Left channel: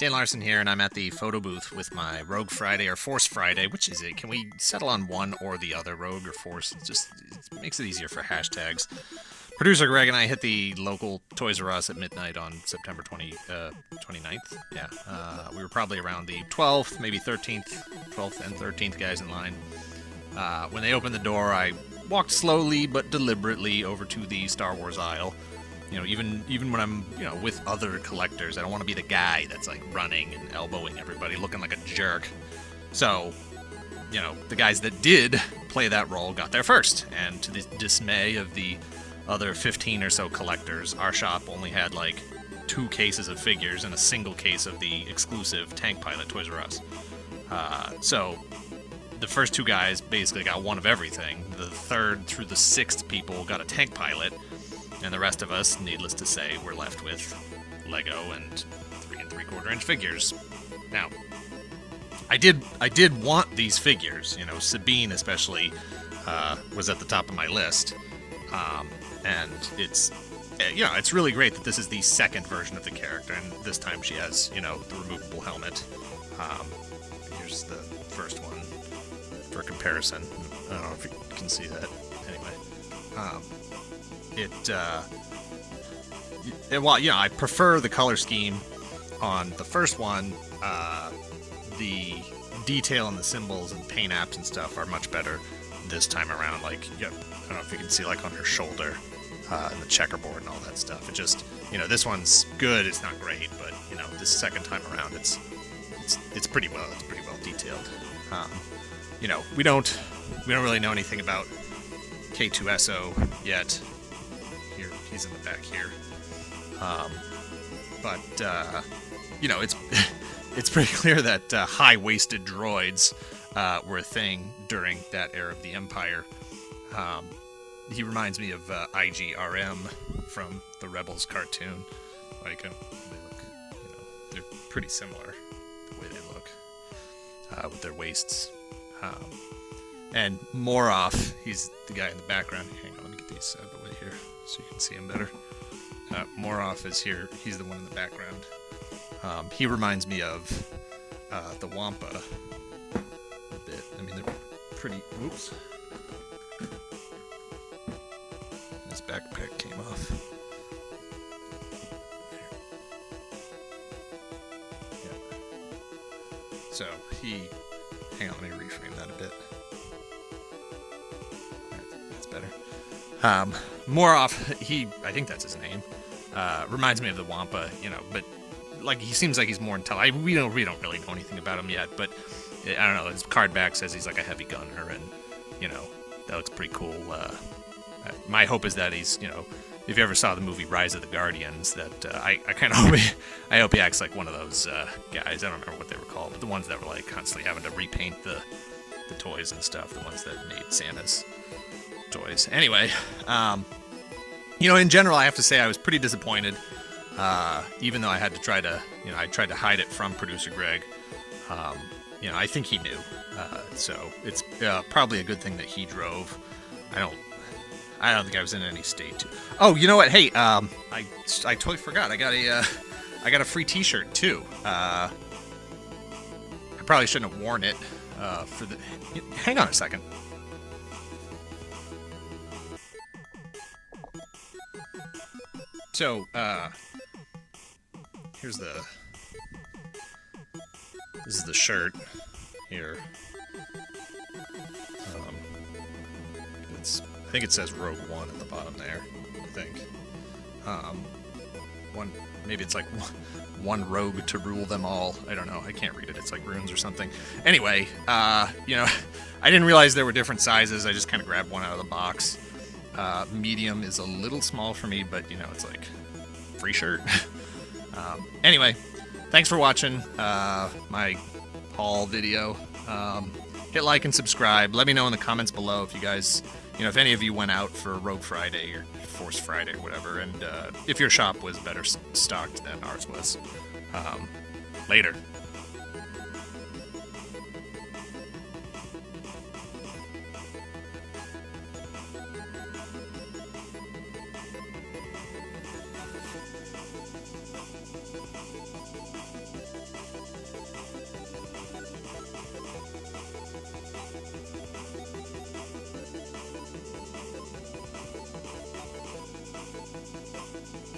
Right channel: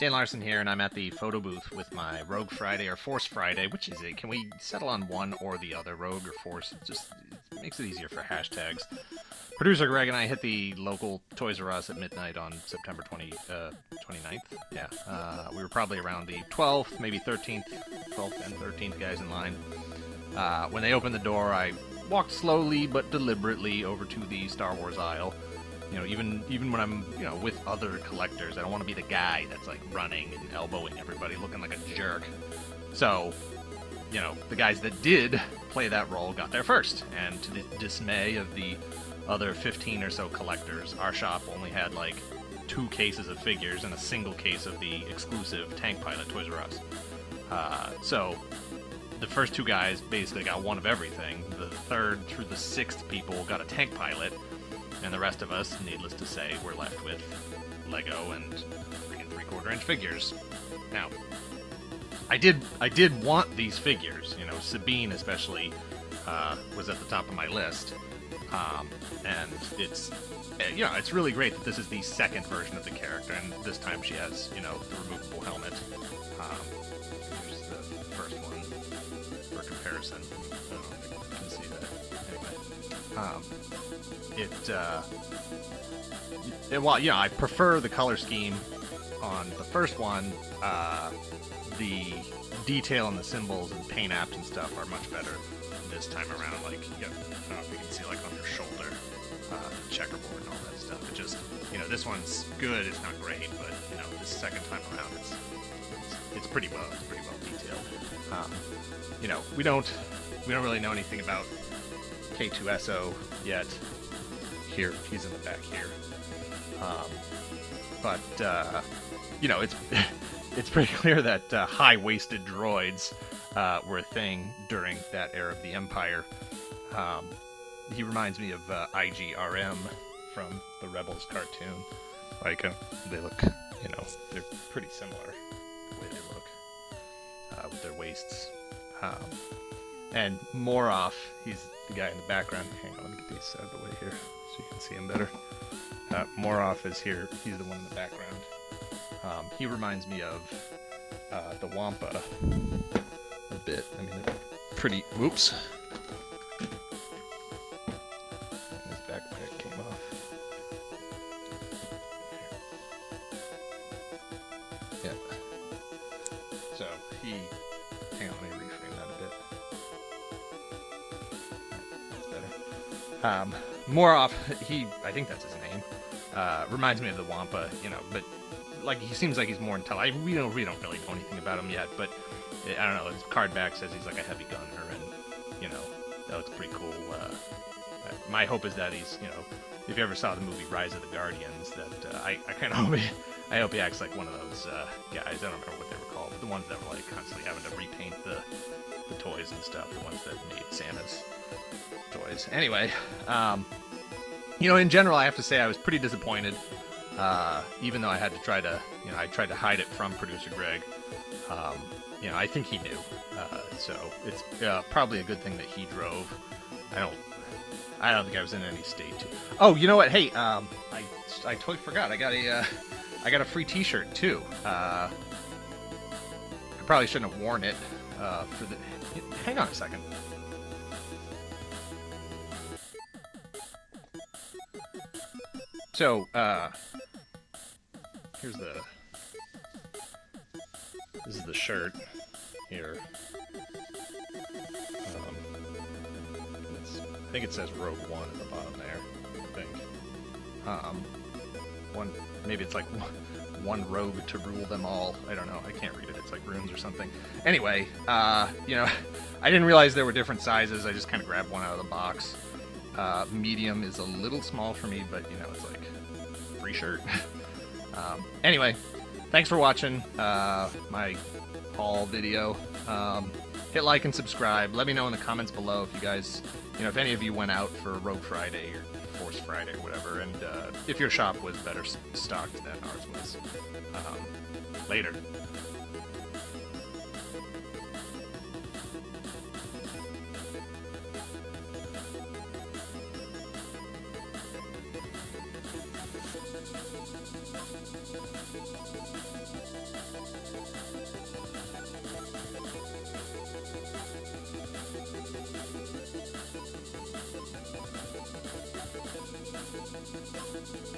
Dan Larson here, and I'm at the Photobooth with my Rogue Friday or Force Friday. Which is it? Can we settle on one or the other, Rogue or Force? It makes it easier for hashtags. Producer Greg and I hit the local Toys R Us at midnight on September 29th. Yeah, we were probably around the 12th, maybe 13th, 12th and 13th guys in line. When they opened the door, I walked slowly but deliberately over to the Star Wars aisle. You know, even when I'm, with other collectors, I don't want to be the guy that's like running and elbowing everybody, looking like a jerk. So, the guys that did play that role got there first, and to the dismay of the other 15 or so collectors, our shop only had like 2 cases of figures and a single case of the exclusive Tank Pilot Toys R Us. So the first 2 guys basically got one of everything. The 3rd through the 6th people got a Tank Pilot, and the rest of us, needless to say, were left with Lego and 3 3/4-inch figures. Now, I did want these figures. Sabine especially was at the top of my list. And it's really great that this is the second version of the character, and this time she has, the removable helmet. Here's the first one for comparison. I don't know if you can see that. Anyway, I prefer the color scheme on the first one. The detail and the symbols and paint apps and stuff are much better this time around. Like, I don't know if you can see, like, on her shoulder, the checkerboard and all that stuff. It just, this one's good. It's not great, but this second time around, it's pretty well detailed. We don't really know anything about K2SO yet. Here, he's in the back here. But it's pretty clear that high-waisted droids were a thing during that era of the Empire. He reminds me of IGRM from the Rebels cartoon. Like, they look, they're pretty similar the way they look with their waists. And Moroff, he's the guy in the background. Hang on, let me get these out of the way here so you can see him better. Moroff is here. He's the one in the background. He reminds me of the Wampa a bit. I mean, they're pretty... Whoops. His backpack came off. Yeah. So, hang on, let me reframe that a bit. That's better. Moroff, I think that's his name, reminds me of the Wampa, but like, he seems like he's more intelligent. We don't really know anything about him yet, but I don't know, his card back says he's like a heavy gunner, and that looks pretty cool. My hope is that he's, if you ever saw the movie Rise of the Guardians, that I kind of hope he acts like one of those guys. I don't remember what they were called, but the ones that were like constantly having to repaint the toys and stuff, the ones that made Santa's toys. Anyway, in general, I have to say I was pretty disappointed, even though I had to try to, I tried to hide it from producer Greg. I think he knew, so it's probably a good thing that he drove. I don't think I was in any state to. Oh, you know what? Hey, I totally forgot. I got a free T-shirt too. I probably shouldn't have worn it for the. Hang on a second. So, this is the shirt here. I think it says Rogue One at the bottom there, I think. Maybe it's like one rogue to rule them all. I don't know. I can't read it. It's like runes or something. Anyway, I didn't realize there were different sizes. I just kind of grabbed one out of the box. Medium is a little small for me, but it's like free shirt. Anyway, thanks for watching my haul video. Hit like and subscribe. Let me know in the comments below if you guys, if any of you went out for Rogue Friday or Force Friday or whatever, and if your shop was better stocked than ours was. Later.